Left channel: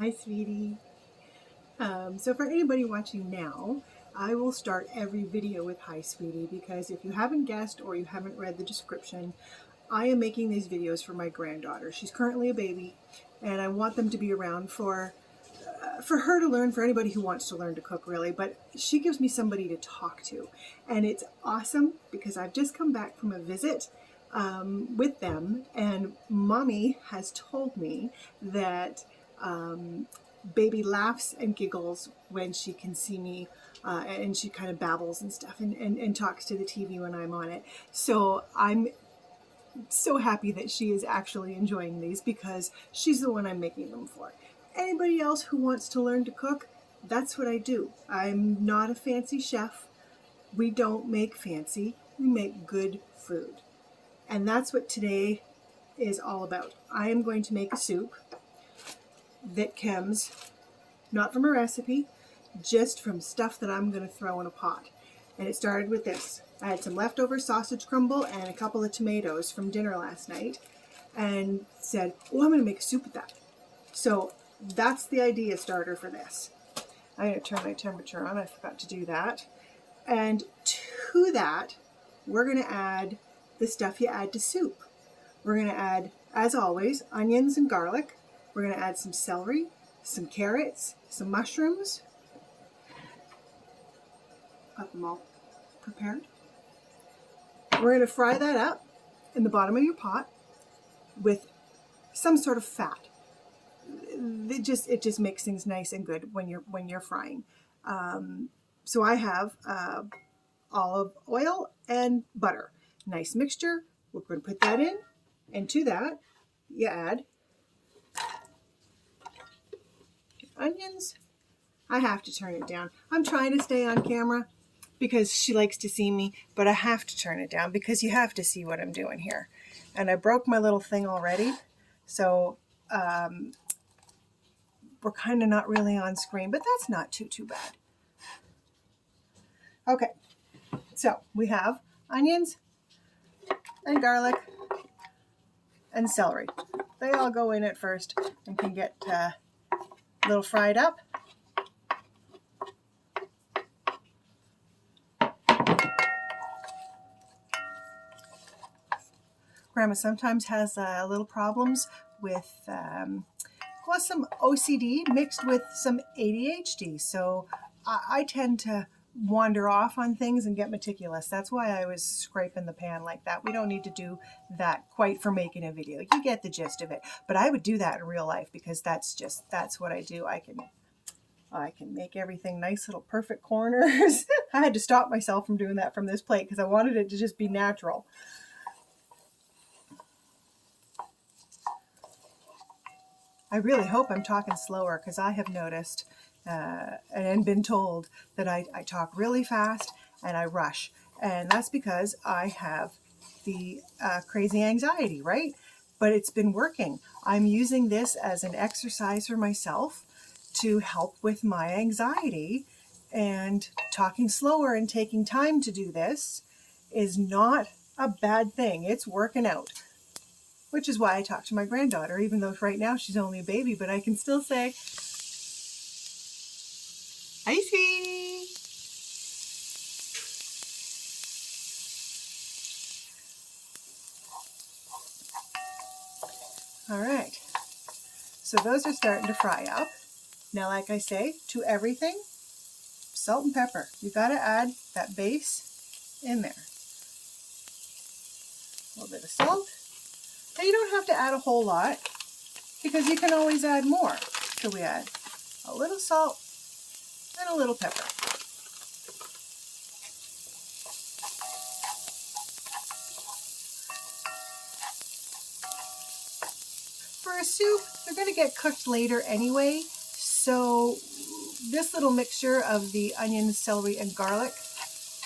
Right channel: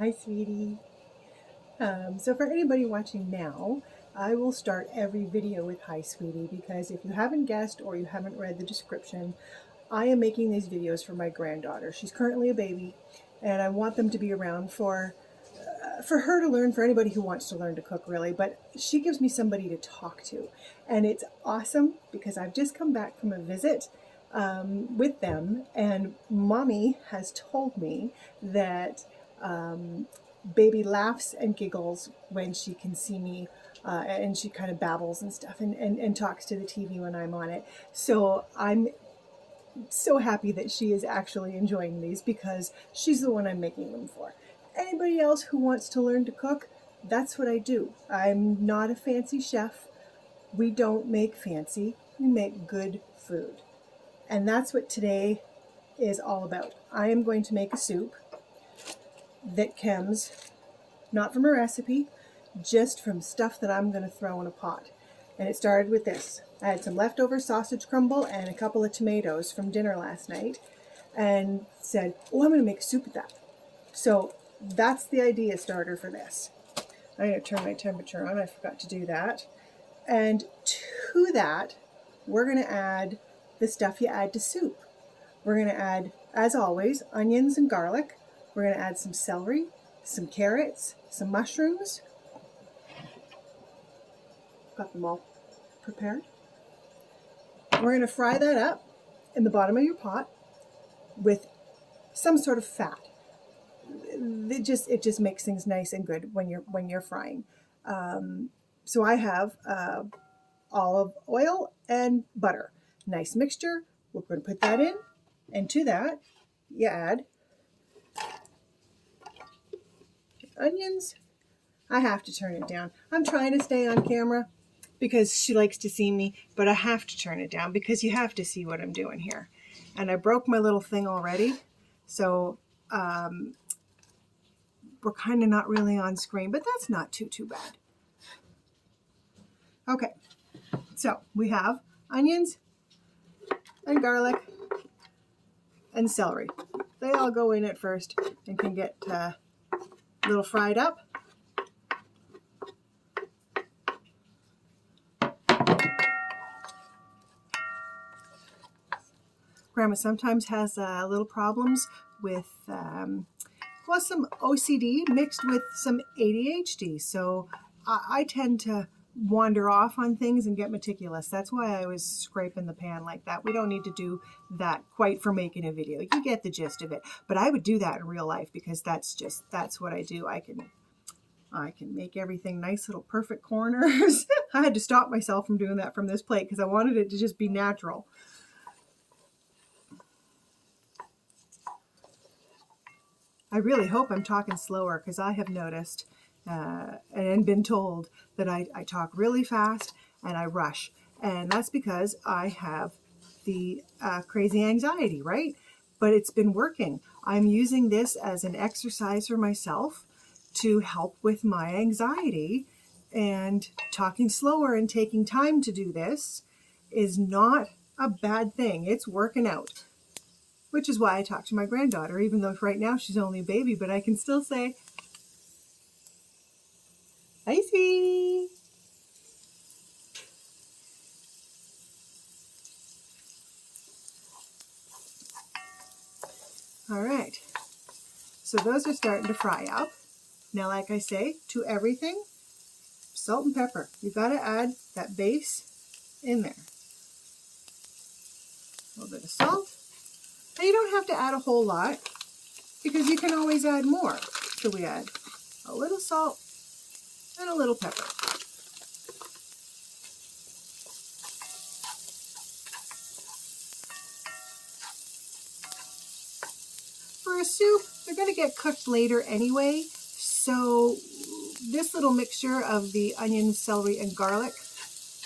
Hi, sweetie. So for anybody watching now, I will start every video with hi, sweetie, because if you haven't guessed or you haven't read the description, I am making these videos for my granddaughter. She's currently a baby, and I want them to be around for her to learn, for anybody who wants to learn to cook, really. But she gives me somebody to talk to, and it's awesome because I've just come back from a visit with them, and mommy has told me that baby laughs and giggles when she can see me, and she kind of babbles and stuff, and talks to the TV when I'm on it. So I'm so happy that she is actually enjoying these because she's the one I'm making them for. Anybody else who wants to learn to cook, that's what I do. I'm not a fancy chef. We don't make fancy, we make good food. And that's what today is all about. I am going to make a soup that comes not from a recipe, just from stuff that I'm going to throw in a pot. And it started with this. I had some leftover sausage crumble and a couple of tomatoes from dinner last night and said, oh, I'm going to make a soup with that. So that's the idea starter for this. I'm going to turn my temperature on. I forgot to do that. And to that, we're going to add the stuff you add to soup. We're going to add, as always, onions and garlic. We're going to add some celery, some carrots, some mushrooms. Got them all prepared. We're going to fry that up in the bottom of your pot with some sort of fat. It just makes things nice and good when you're frying. So I have olive oil and butter. Nice mixture. We're going to put that in, and to that you add onions. I have to turn it down. I'm trying to stay on camera because she likes to see me, but I have to turn it down because you have to see what I'm doing here. And I broke my little thing already, so we're kind of not really on screen, but that's not too bad. Okay, so we have onions and garlic and celery. They all go in at first and can get a little fried up. Grandma sometimes has little problems with some OCD mixed with some ADHD. So I tend to wander off on things and get meticulous. That's why I was scraping the pan like that. We don't need to do that quite for making a video. You get the gist of it. But I would do that in real life because that's what I do. I can make everything nice little perfect corners. I had to stop myself from doing that from this plate because I wanted it to just be natural. I really hope I'm talking slower because I have noticed and been told that I talk really fast and I rush. And that's because I have the crazy anxiety, right? But it's been working. I'm using this as an exercise for myself to help with my anxiety, and talking slower and taking time to do this is not a bad thing. It's working out. Which is why I talk to my granddaughter, even though right now she's only a baby, but I can still say, hi, sweetie. All right, so those are starting to fry up. Now, like I say, to everything, salt and pepper. You got to add that base in there. A little bit of salt. Now, you don't have to add a whole lot because you can always add more. So we add a little salt and a little pepper. For a soup, they're going to get cooked later anyway, so this little mixture of the onions, celery, and garlic,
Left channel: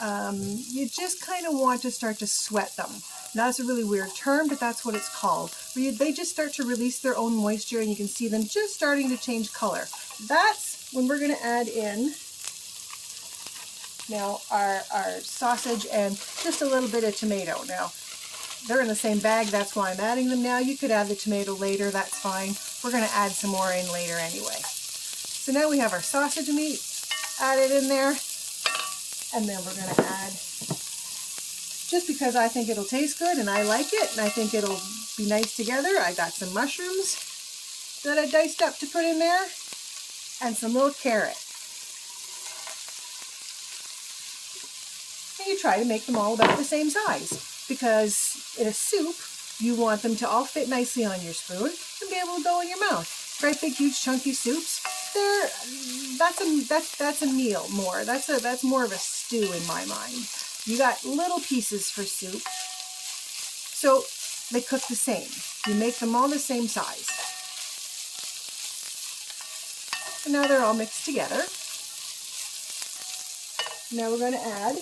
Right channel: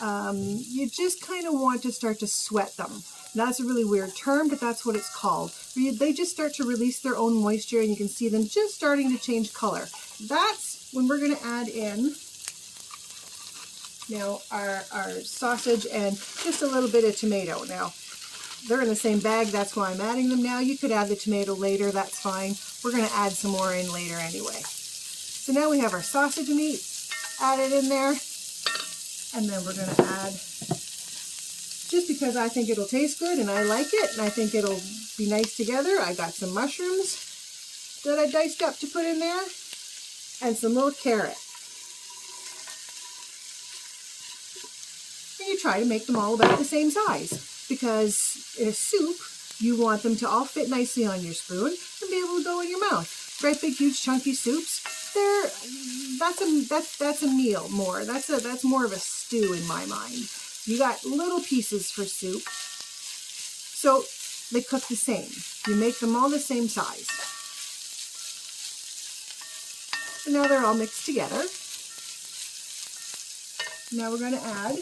you just kind of want to start to sweat them. That's a really weird term, but that's what it's called. They just start to release their own moisture, and you can see them just starting to change color. That's when we're going to add in now our sausage and just a little bit of tomato. Now, they're in the same bag, that's why I'm adding them now. You could add the tomato later, that's fine. We're going to add some more in later anyway. So now we have our sausage meat added in there, and then we're going to add, just because I think it'll taste good and I like it and I think it'll be nice together, I got some mushrooms that I diced up to put in there and some little carrot. And you try to make them all about the same size, because in a soup you want them to all fit nicely on your spoon and be able to go in your mouth. Great big huge chunky soups, that's a meal more. That's more of a stew in my mind. You got little pieces for soup, so they cook the same. You make them all the same size. And now they're all mixed together. Now we're going to add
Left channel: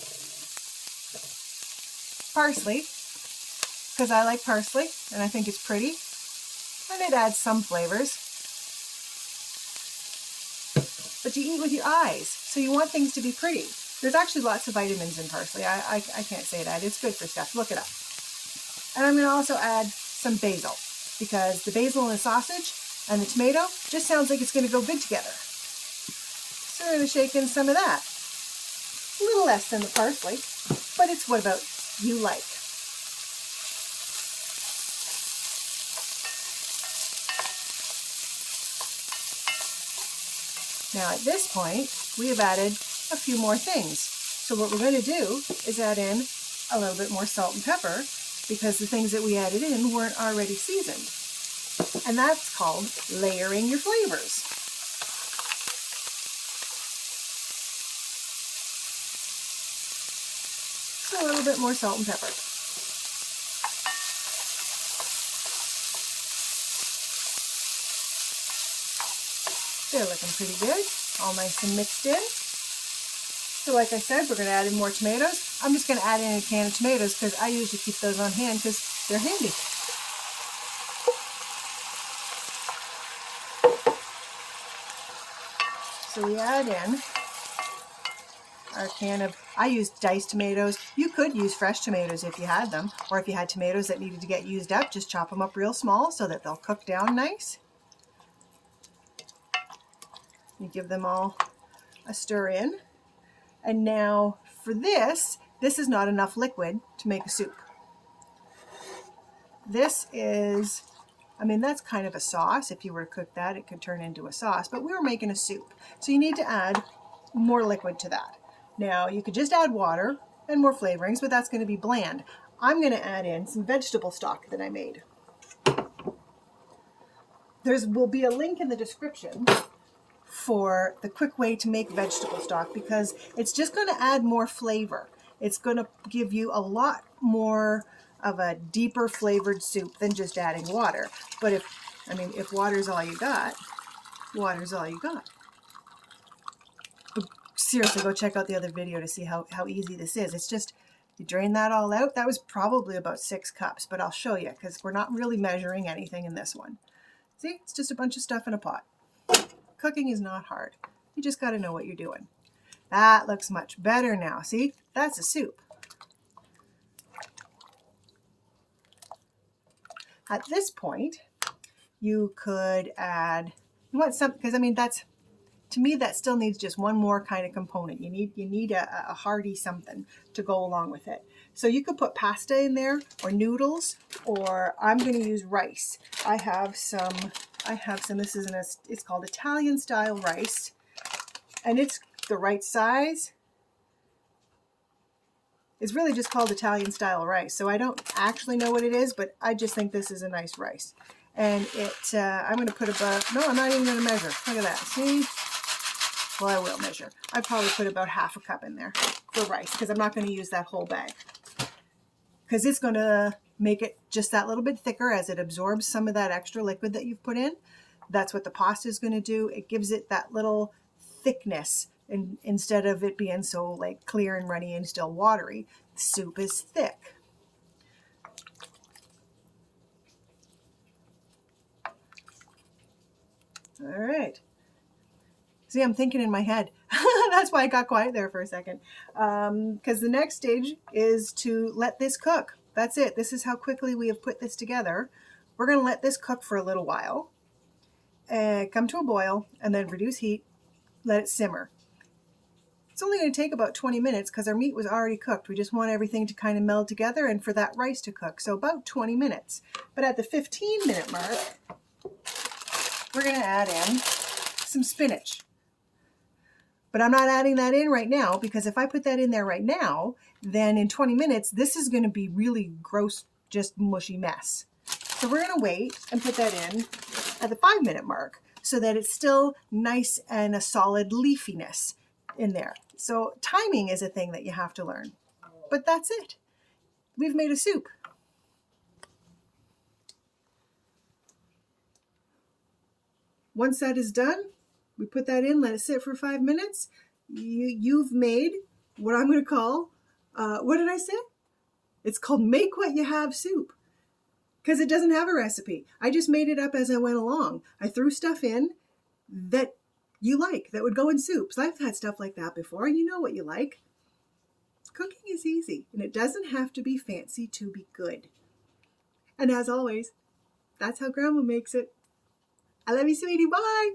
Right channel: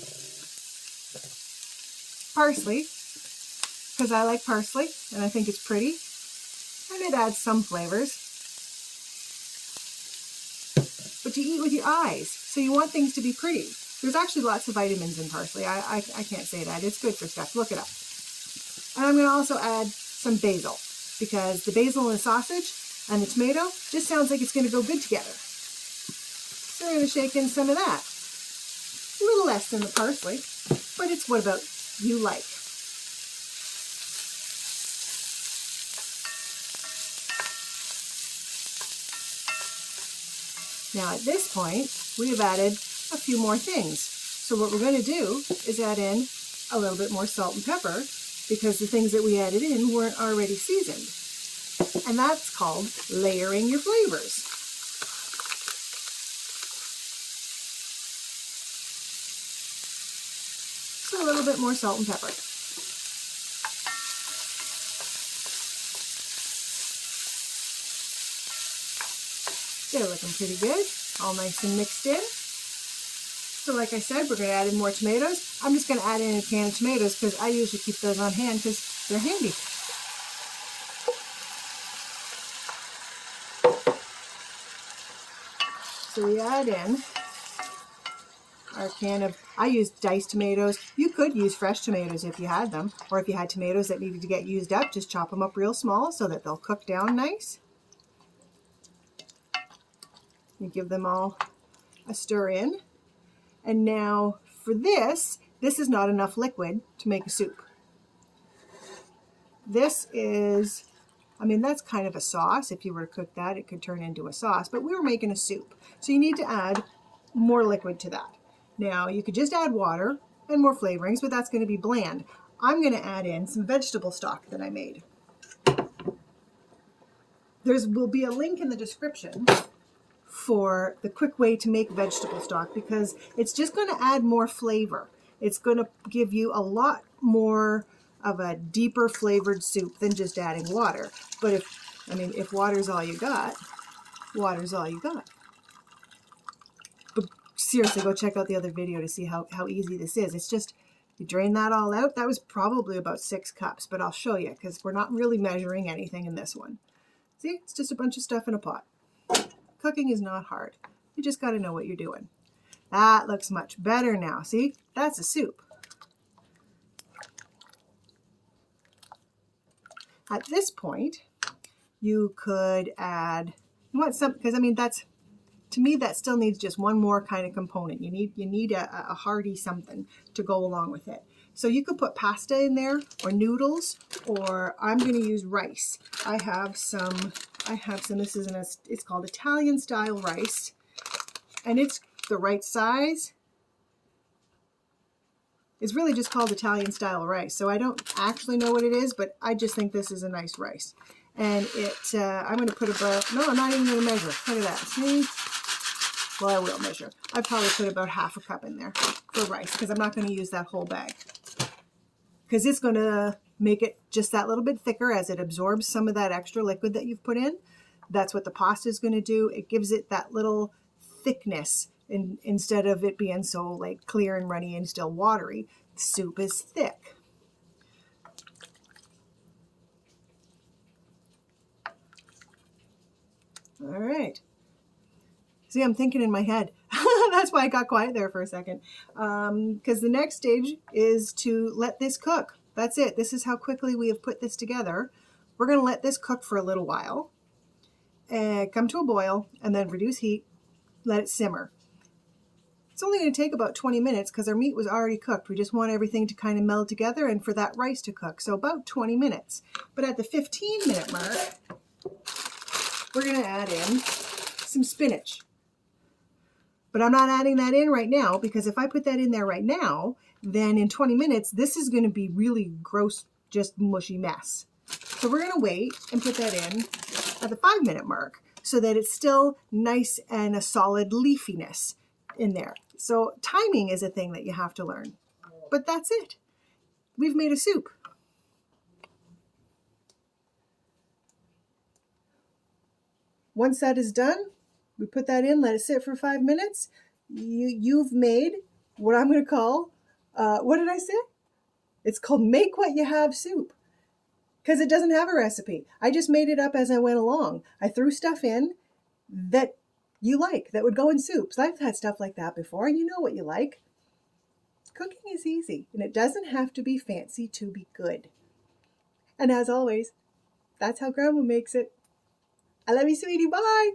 parsley, because I like parsley and I think it's pretty, and it adds some flavors. But you eat with your eyes, so you want things to be pretty. There's actually lots of vitamins in parsley. I can't say that. It's good for stuff. Look it up. And I'm going to also add some basil, because the basil and the sausage and the tomato just sounds like it's going to go good together. So we're going to shake in some of that. A little less than the parsley, but it's what about you like. Now at this point, we have added a few more things. So what we're going to do is add in a little bit more salt and pepper, because the things that we added in weren't already seasoned. And that's called layering your flavors. So a little bit more salt and pepper. They're looking pretty good, all nice and mixed in. So like I said, we're going to add in more tomatoes. I'm just going to add in a can of tomatoes because I usually keep those on hand because they're handy. So we add in our can of, I used diced tomatoes. You could use fresh tomatoes if you had them, or if you had tomatoes that needed to get used up, just chop them up real small so that they'll cook down nice. You give them all a stir in. And now for this is not enough liquid to make a soup. This is, I mean, that's kind of a sauce. If you were to cook that, it could turn into a sauce, but we were making a soup. So you need to add more liquid to that. Now you could just add water and more flavorings, but that's going to be bland. I'm going to add in some vegetable stock that I made. There will be a link in the description for the quick way to make vegetable stock, because it's just going to add more flavor. It's going to give you a lot more of a deeper flavored soup than just adding water. But if water's all you got, water's all you got. But seriously, go check out the other video to see how easy this is. It's just, you drain that all out. That was probably about 6 cups, but I'll show you because we're not really measuring anything in this one. See, it's just a bunch of stuff in a pot. Cooking is not hard. You just got to know what you're doing. That looks much better now. See, that's a soup. At this point, you could add, you want some, because I mean, that's, to me, that still needs just one more kind of component. You need a hearty something to go along with it. So you could put pasta in there, or noodles, or I'm going to use rice. I have some, this is it's called Italian style rice, and it's the right size. It's really just called Italian style rice. So I don't actually know what it is, but I just think this is a nice rice. And I'm going to put about, no, I'm not even going to measure. Look at that. See? Well, I will measure. I probably put about half a cup in there for rice, because I'm not going to use that whole bag. Because it's going to make it just that little bit thicker as it absorbs some of that extra liquid that you've put in. That's what the pasta is going to do. It gives it that little thickness, and instead of it being so like clear and runny and still watery, the soup is thick. All right. See, I'm thinking in my head. That's why I got quiet there for a second. Because the next stage is to let this cook. That's it. This is how quickly we have put this together. We're going to let this cook for a little while and come to a boil, and then reduce heat, let it simmer. It's only going to take about 20 minutes because our meat was already cooked. We just want everything to kind of meld together and for that rice to cook. So about 20 minutes. But at the 15-minute mark, we're going to add in some spinach. But I'm not adding that in right now, because if I put that in there right now, then in 20 minutes, this is going to be really gross, just mushy mess. So we're going to wait and put that in at the 5-minute mark so that it's still nice and a solid leafiness in there. So timing is a thing that you have to learn. But that's it. We've made a soup. Once that is done, we put that in, let it sit for 5 minutes. You've made what I'm going to call, what did I say? It's called Make What You Have Soup, because it doesn't have a recipe. I just made it up as I went along. I threw stuff in that you like, that would go in soups. I've had stuff like that before. You know what you like. Cooking is easy, and it doesn't have to be fancy to be good. And as always, that's how Grandma makes it. I love you, sweetie. Bye.